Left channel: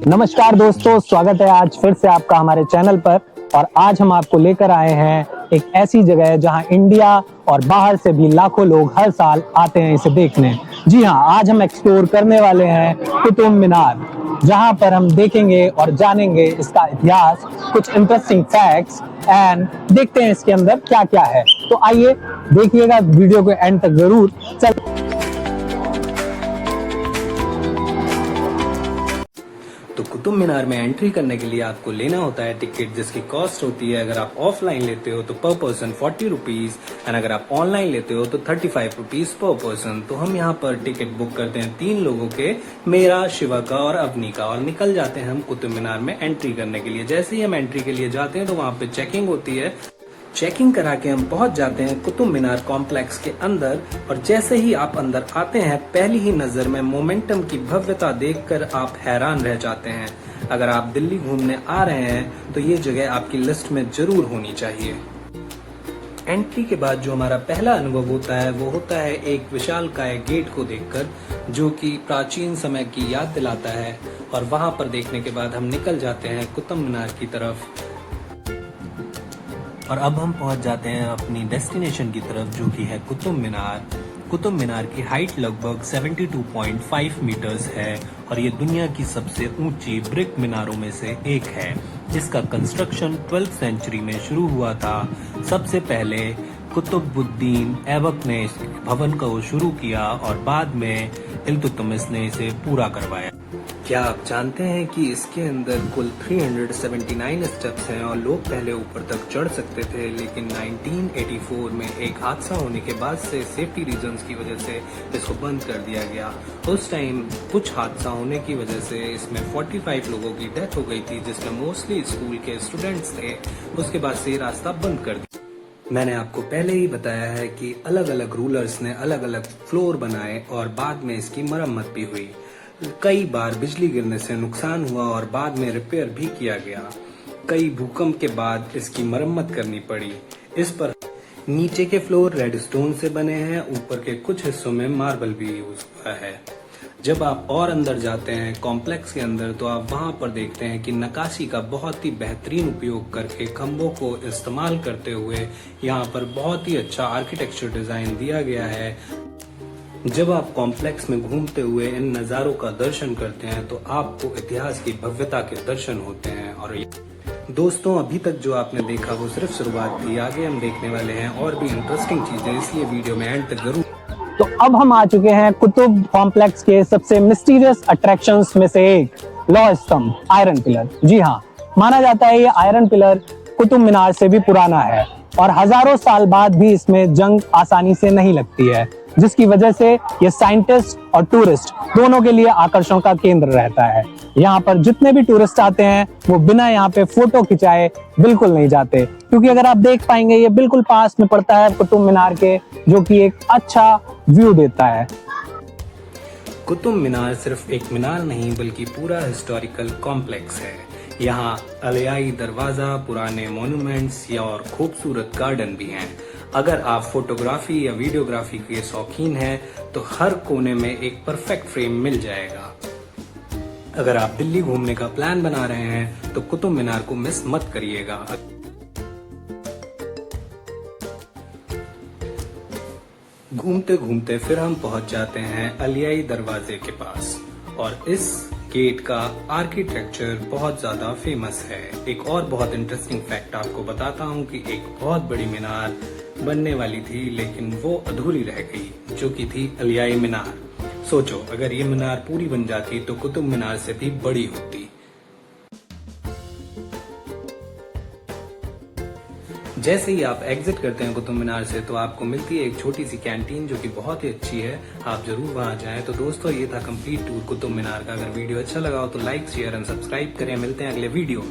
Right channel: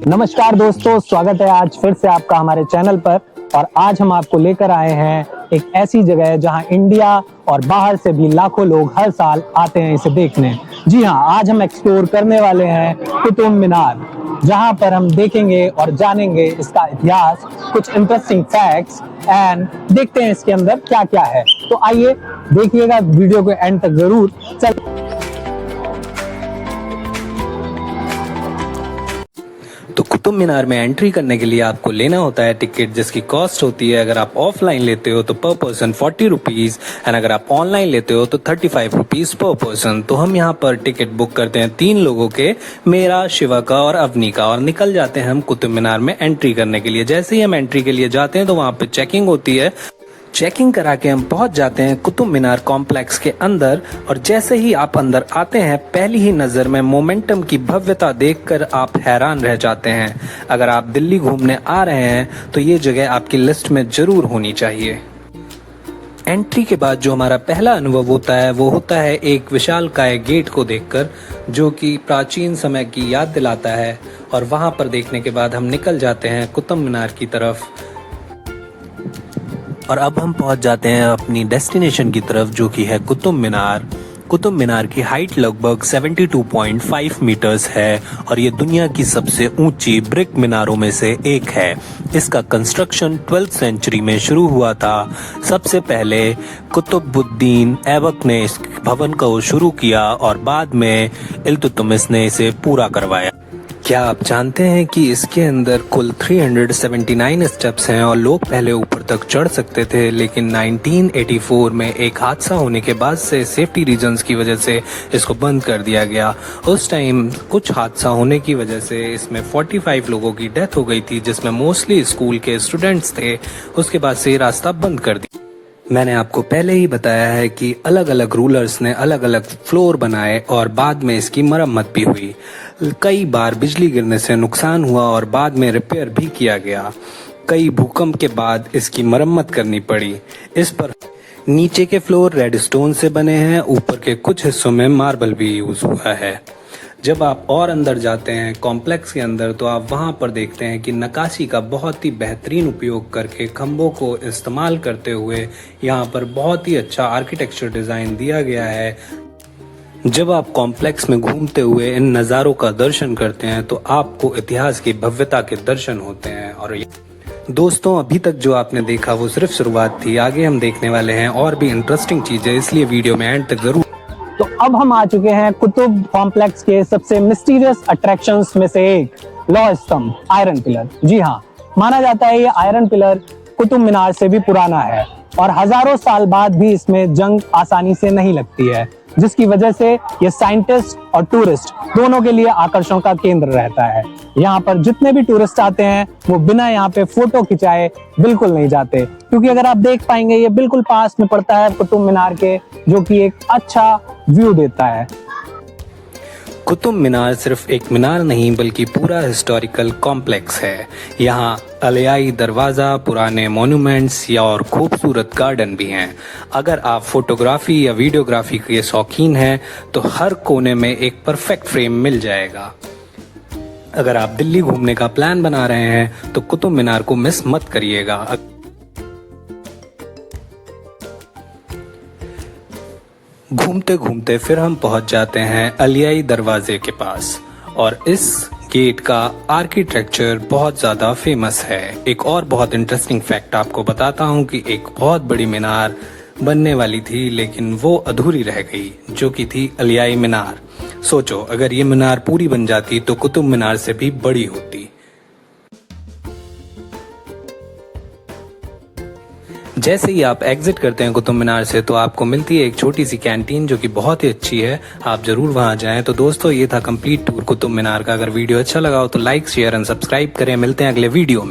नमस्कार दोस्तों, स्वागत है आज फिर से आपका हमारे चैनल पर। और आज हम आपको लेकर आए हैं एक ऐसी जगह जहां इंडिया और बाहर से भी लाखों लोग हर साल आते हैं इसे देखने। जी हाँ, आज हम एक्सप्लोर करने वाले हैं कुतुब मीनार, जहां पर हम देखेंगे और जानेंगे इसका इतिहास, कुछ इंटरेस्टिंग फैक्ट्स एंड देखते हैं इसके अंदर क्या क्या है। तो आइए देखिएगा वीडियो को एंड तक जरूर। चल तो कुतुब मीनार में एंट्री करने के लिए आपको लेना होता है टिकट, जिसकी कॉस्ट होती है, अगर आप ऑफलाइन लेते हो तो पर पर्सन 40 रुपीज़ एंड अगर आप ऑनलाइन लेते हो तो 35 रुपीज़ पर पर्सन। तो हम यहाँ पर टिकट बुक करते हैं 3 लोगों के, मेरा, शिवा का और अवनी का, और निकल जाते हैं हम कुतुब मीनार में एंट्री करने के लिए। जैसे ही हम एंट्री के लिए जाते हैं तो वहाँ पे चेकिंग होती है। चेकिंग करा के हम पहुंच जाते हैं कुतुब मीनार कॉम्प्लेक्स के अंदर। और जैसे ही आप अंदर आते हैं, पहली ही नज़र में मोमेंटम की भव्यता देखकर आप हैरान रह जाते हैं। अगर आप दिल्ली घूमने आ रहे हैं तो ये जगह आपकी लिस्ट में जरूर होनी चाहिए। एंट्री के बाद जो हमारा पहला अनुभव होता है वो होता है एक विशालकाय गेट को देखकर, जो कि प्राचीन समय की याद दिलाता है। और वहां पर देखने के बाद हम निकल जाते हैं कुतुब मीनार की तरफ। और अब हम पहुंच जाते हैं अपनी डेस्टिनेशन की तरफ, जो कि है कुतुब मीनार। कुतुब मीनार की हाइट लगभग 72.5 मीटर्स है और ये दुनिया की सबसे ऊंची ब्रिक मीनारों में से एक है। इसका कंस्ट्रक्शन 12th सेंचुरी में शुरू हुआ था। सबसे पहले कुतुबुद्दीन ऐबक ने इस भवन को शुरू किया और बाद में इल्तुतमिश ने इसे पूरा करवाया। क्या आप जानते हैं कि इसके अंदर कुल 379 स्टेप्स हैं और लोग पहले ऊपर तक चढ़ सकते थे, लेकिन 1984 में एक हादसा होने के बाद से सेफ्टी रीजंस की वजह से इसको बंद कर दिया गया। उस टाइम कुछ हादसा होने की वजह से इसमें 45 लोगों की डेथ हो गई थी, जिसमें मोस्टली स्कूल के स्टूडेंट्स थे। उसके बाद से ये रास्ता बंद कर दिया। मैंने आपको पहले ही बताया है कि अलग अलग रूलर्स ने अलग अलग फ्लोर बनाए और बाद में इसकी मरम्मत भी हुई। कई बार बिजली गिरने से नुकसान हुआ और बाद में रिपेयर भी किया गया। कई भूकंप के बाद इसकी मरम्मत करनी पड़ी। इस पर नीचे के फ्लोर रेड स्टोन से बने हैं, ऊपर के कुछ हिस्सों में मार्बल भी यूज हुआ है। जब आप और अंदर जाते हैं कॉम्प्लेक्स के अंदर, तो आप वहां पर देखते हैं कि नक्काशी का बहुत ही बेहतरीन उपयोग करके खंभों को इस्तेमाल करते हुए यहाँ पर बहुत ही अच्छा आर्किटेक्चर डिजाइन दिया गया है। जब आप कॉम्प्लेक्स में घूमते हुए इन नज़ारों का दर्शन करते हैं तो आपको इतिहास की भव्यता के दर्शन होते हैं। और दोस्तों, अभी तक जो आपने देखा वो सिर्फ शुरुआत थी। आगे हम देखने वाले हैं और भी इंटरेस्टिंग चीजें, इसलिए वीडियो में एंड तक जरूर। तो अब हम आ चुके हैं कुतुब कॉम्प्लेक्स के सबसे मिस्टीरियस अट्रैक्शंस में से एक, लौह स्तंभ, आयरन पिलर। जी हाँ, माना जाता है ये आयरन पिलर कुतुब मीनार से भी पुराना है और हजारों साल बाद भी इसमें जंग आसानी से नहीं लगती है, जिसकी वजह से ये साइंटिस्ट और टूरिस्ट दोनों के लिए आकर्षण का केंद्र रहता है। यहाँ पर जितने भी टूरिस्ट आते हैं वो बिना यहाँ पे फोटो खिंचाए बिल्कुल नहीं जाते, क्योंकि अगर आप देख पाएंगे ये बिल्कुल पास में पड़ता है कुतुब मीनार के, जो कि एक अच्छा व्यू देता है। कुतुब मीनार सिर्फ एक मीनार नहीं बल्कि पूरा हिस्टोरिकल कॉम्प्लेक्स है। यहाँ अलियाई दरवाज़ा, पुराने मॉन्यूमेंट्स या और खूबसूरत गार्डन भी हैं। अगर आप फोटोग्राफी या वीडियोग्राफी के शौकीन हैं तो हर कोने में एक परफेक्ट फ्रेम मिल जाएगा। अगर आप दिल्ली घूमने का प्लान बना रहे हैं तो कुतुब मीनार को मिस मत करिएगा। घूमते घूमते फिर हम पहुंच जाते हैं अलियाई दरवाजे के पास, और इस गेट का आर्किटेक्चर बहुत ज़्यादा फेमस है। एक और बहुत इंटरेस्टिंग फैक्ट आपको बताता हूं कि एक बहुत बड़ी मीनार बनने वाली थी, लेकिन वो अधूरी रह गई, जो कि थी अलियाई मीनार। सोचो, अगर ये मीनार पूरी बन जाती तो कुतुब मीनार से भी बड़ी होती। जैसे ही आप एग्जिट करते हैं कुतुब मीनार से तो आपको मिलती है एक छोटी सी कैंटीन, जो कि बहुत ही अच्छी है। आप जरूर वहां जाएं। तो दोस्तों, ये था कंप्लीट टूर कुतुब मीनार का। अगर वीडियो अच्छा लगा हो तो लाइक, शेयर एंड सब्सक्राइब करें। मिलते हैं अगले वीडियो में।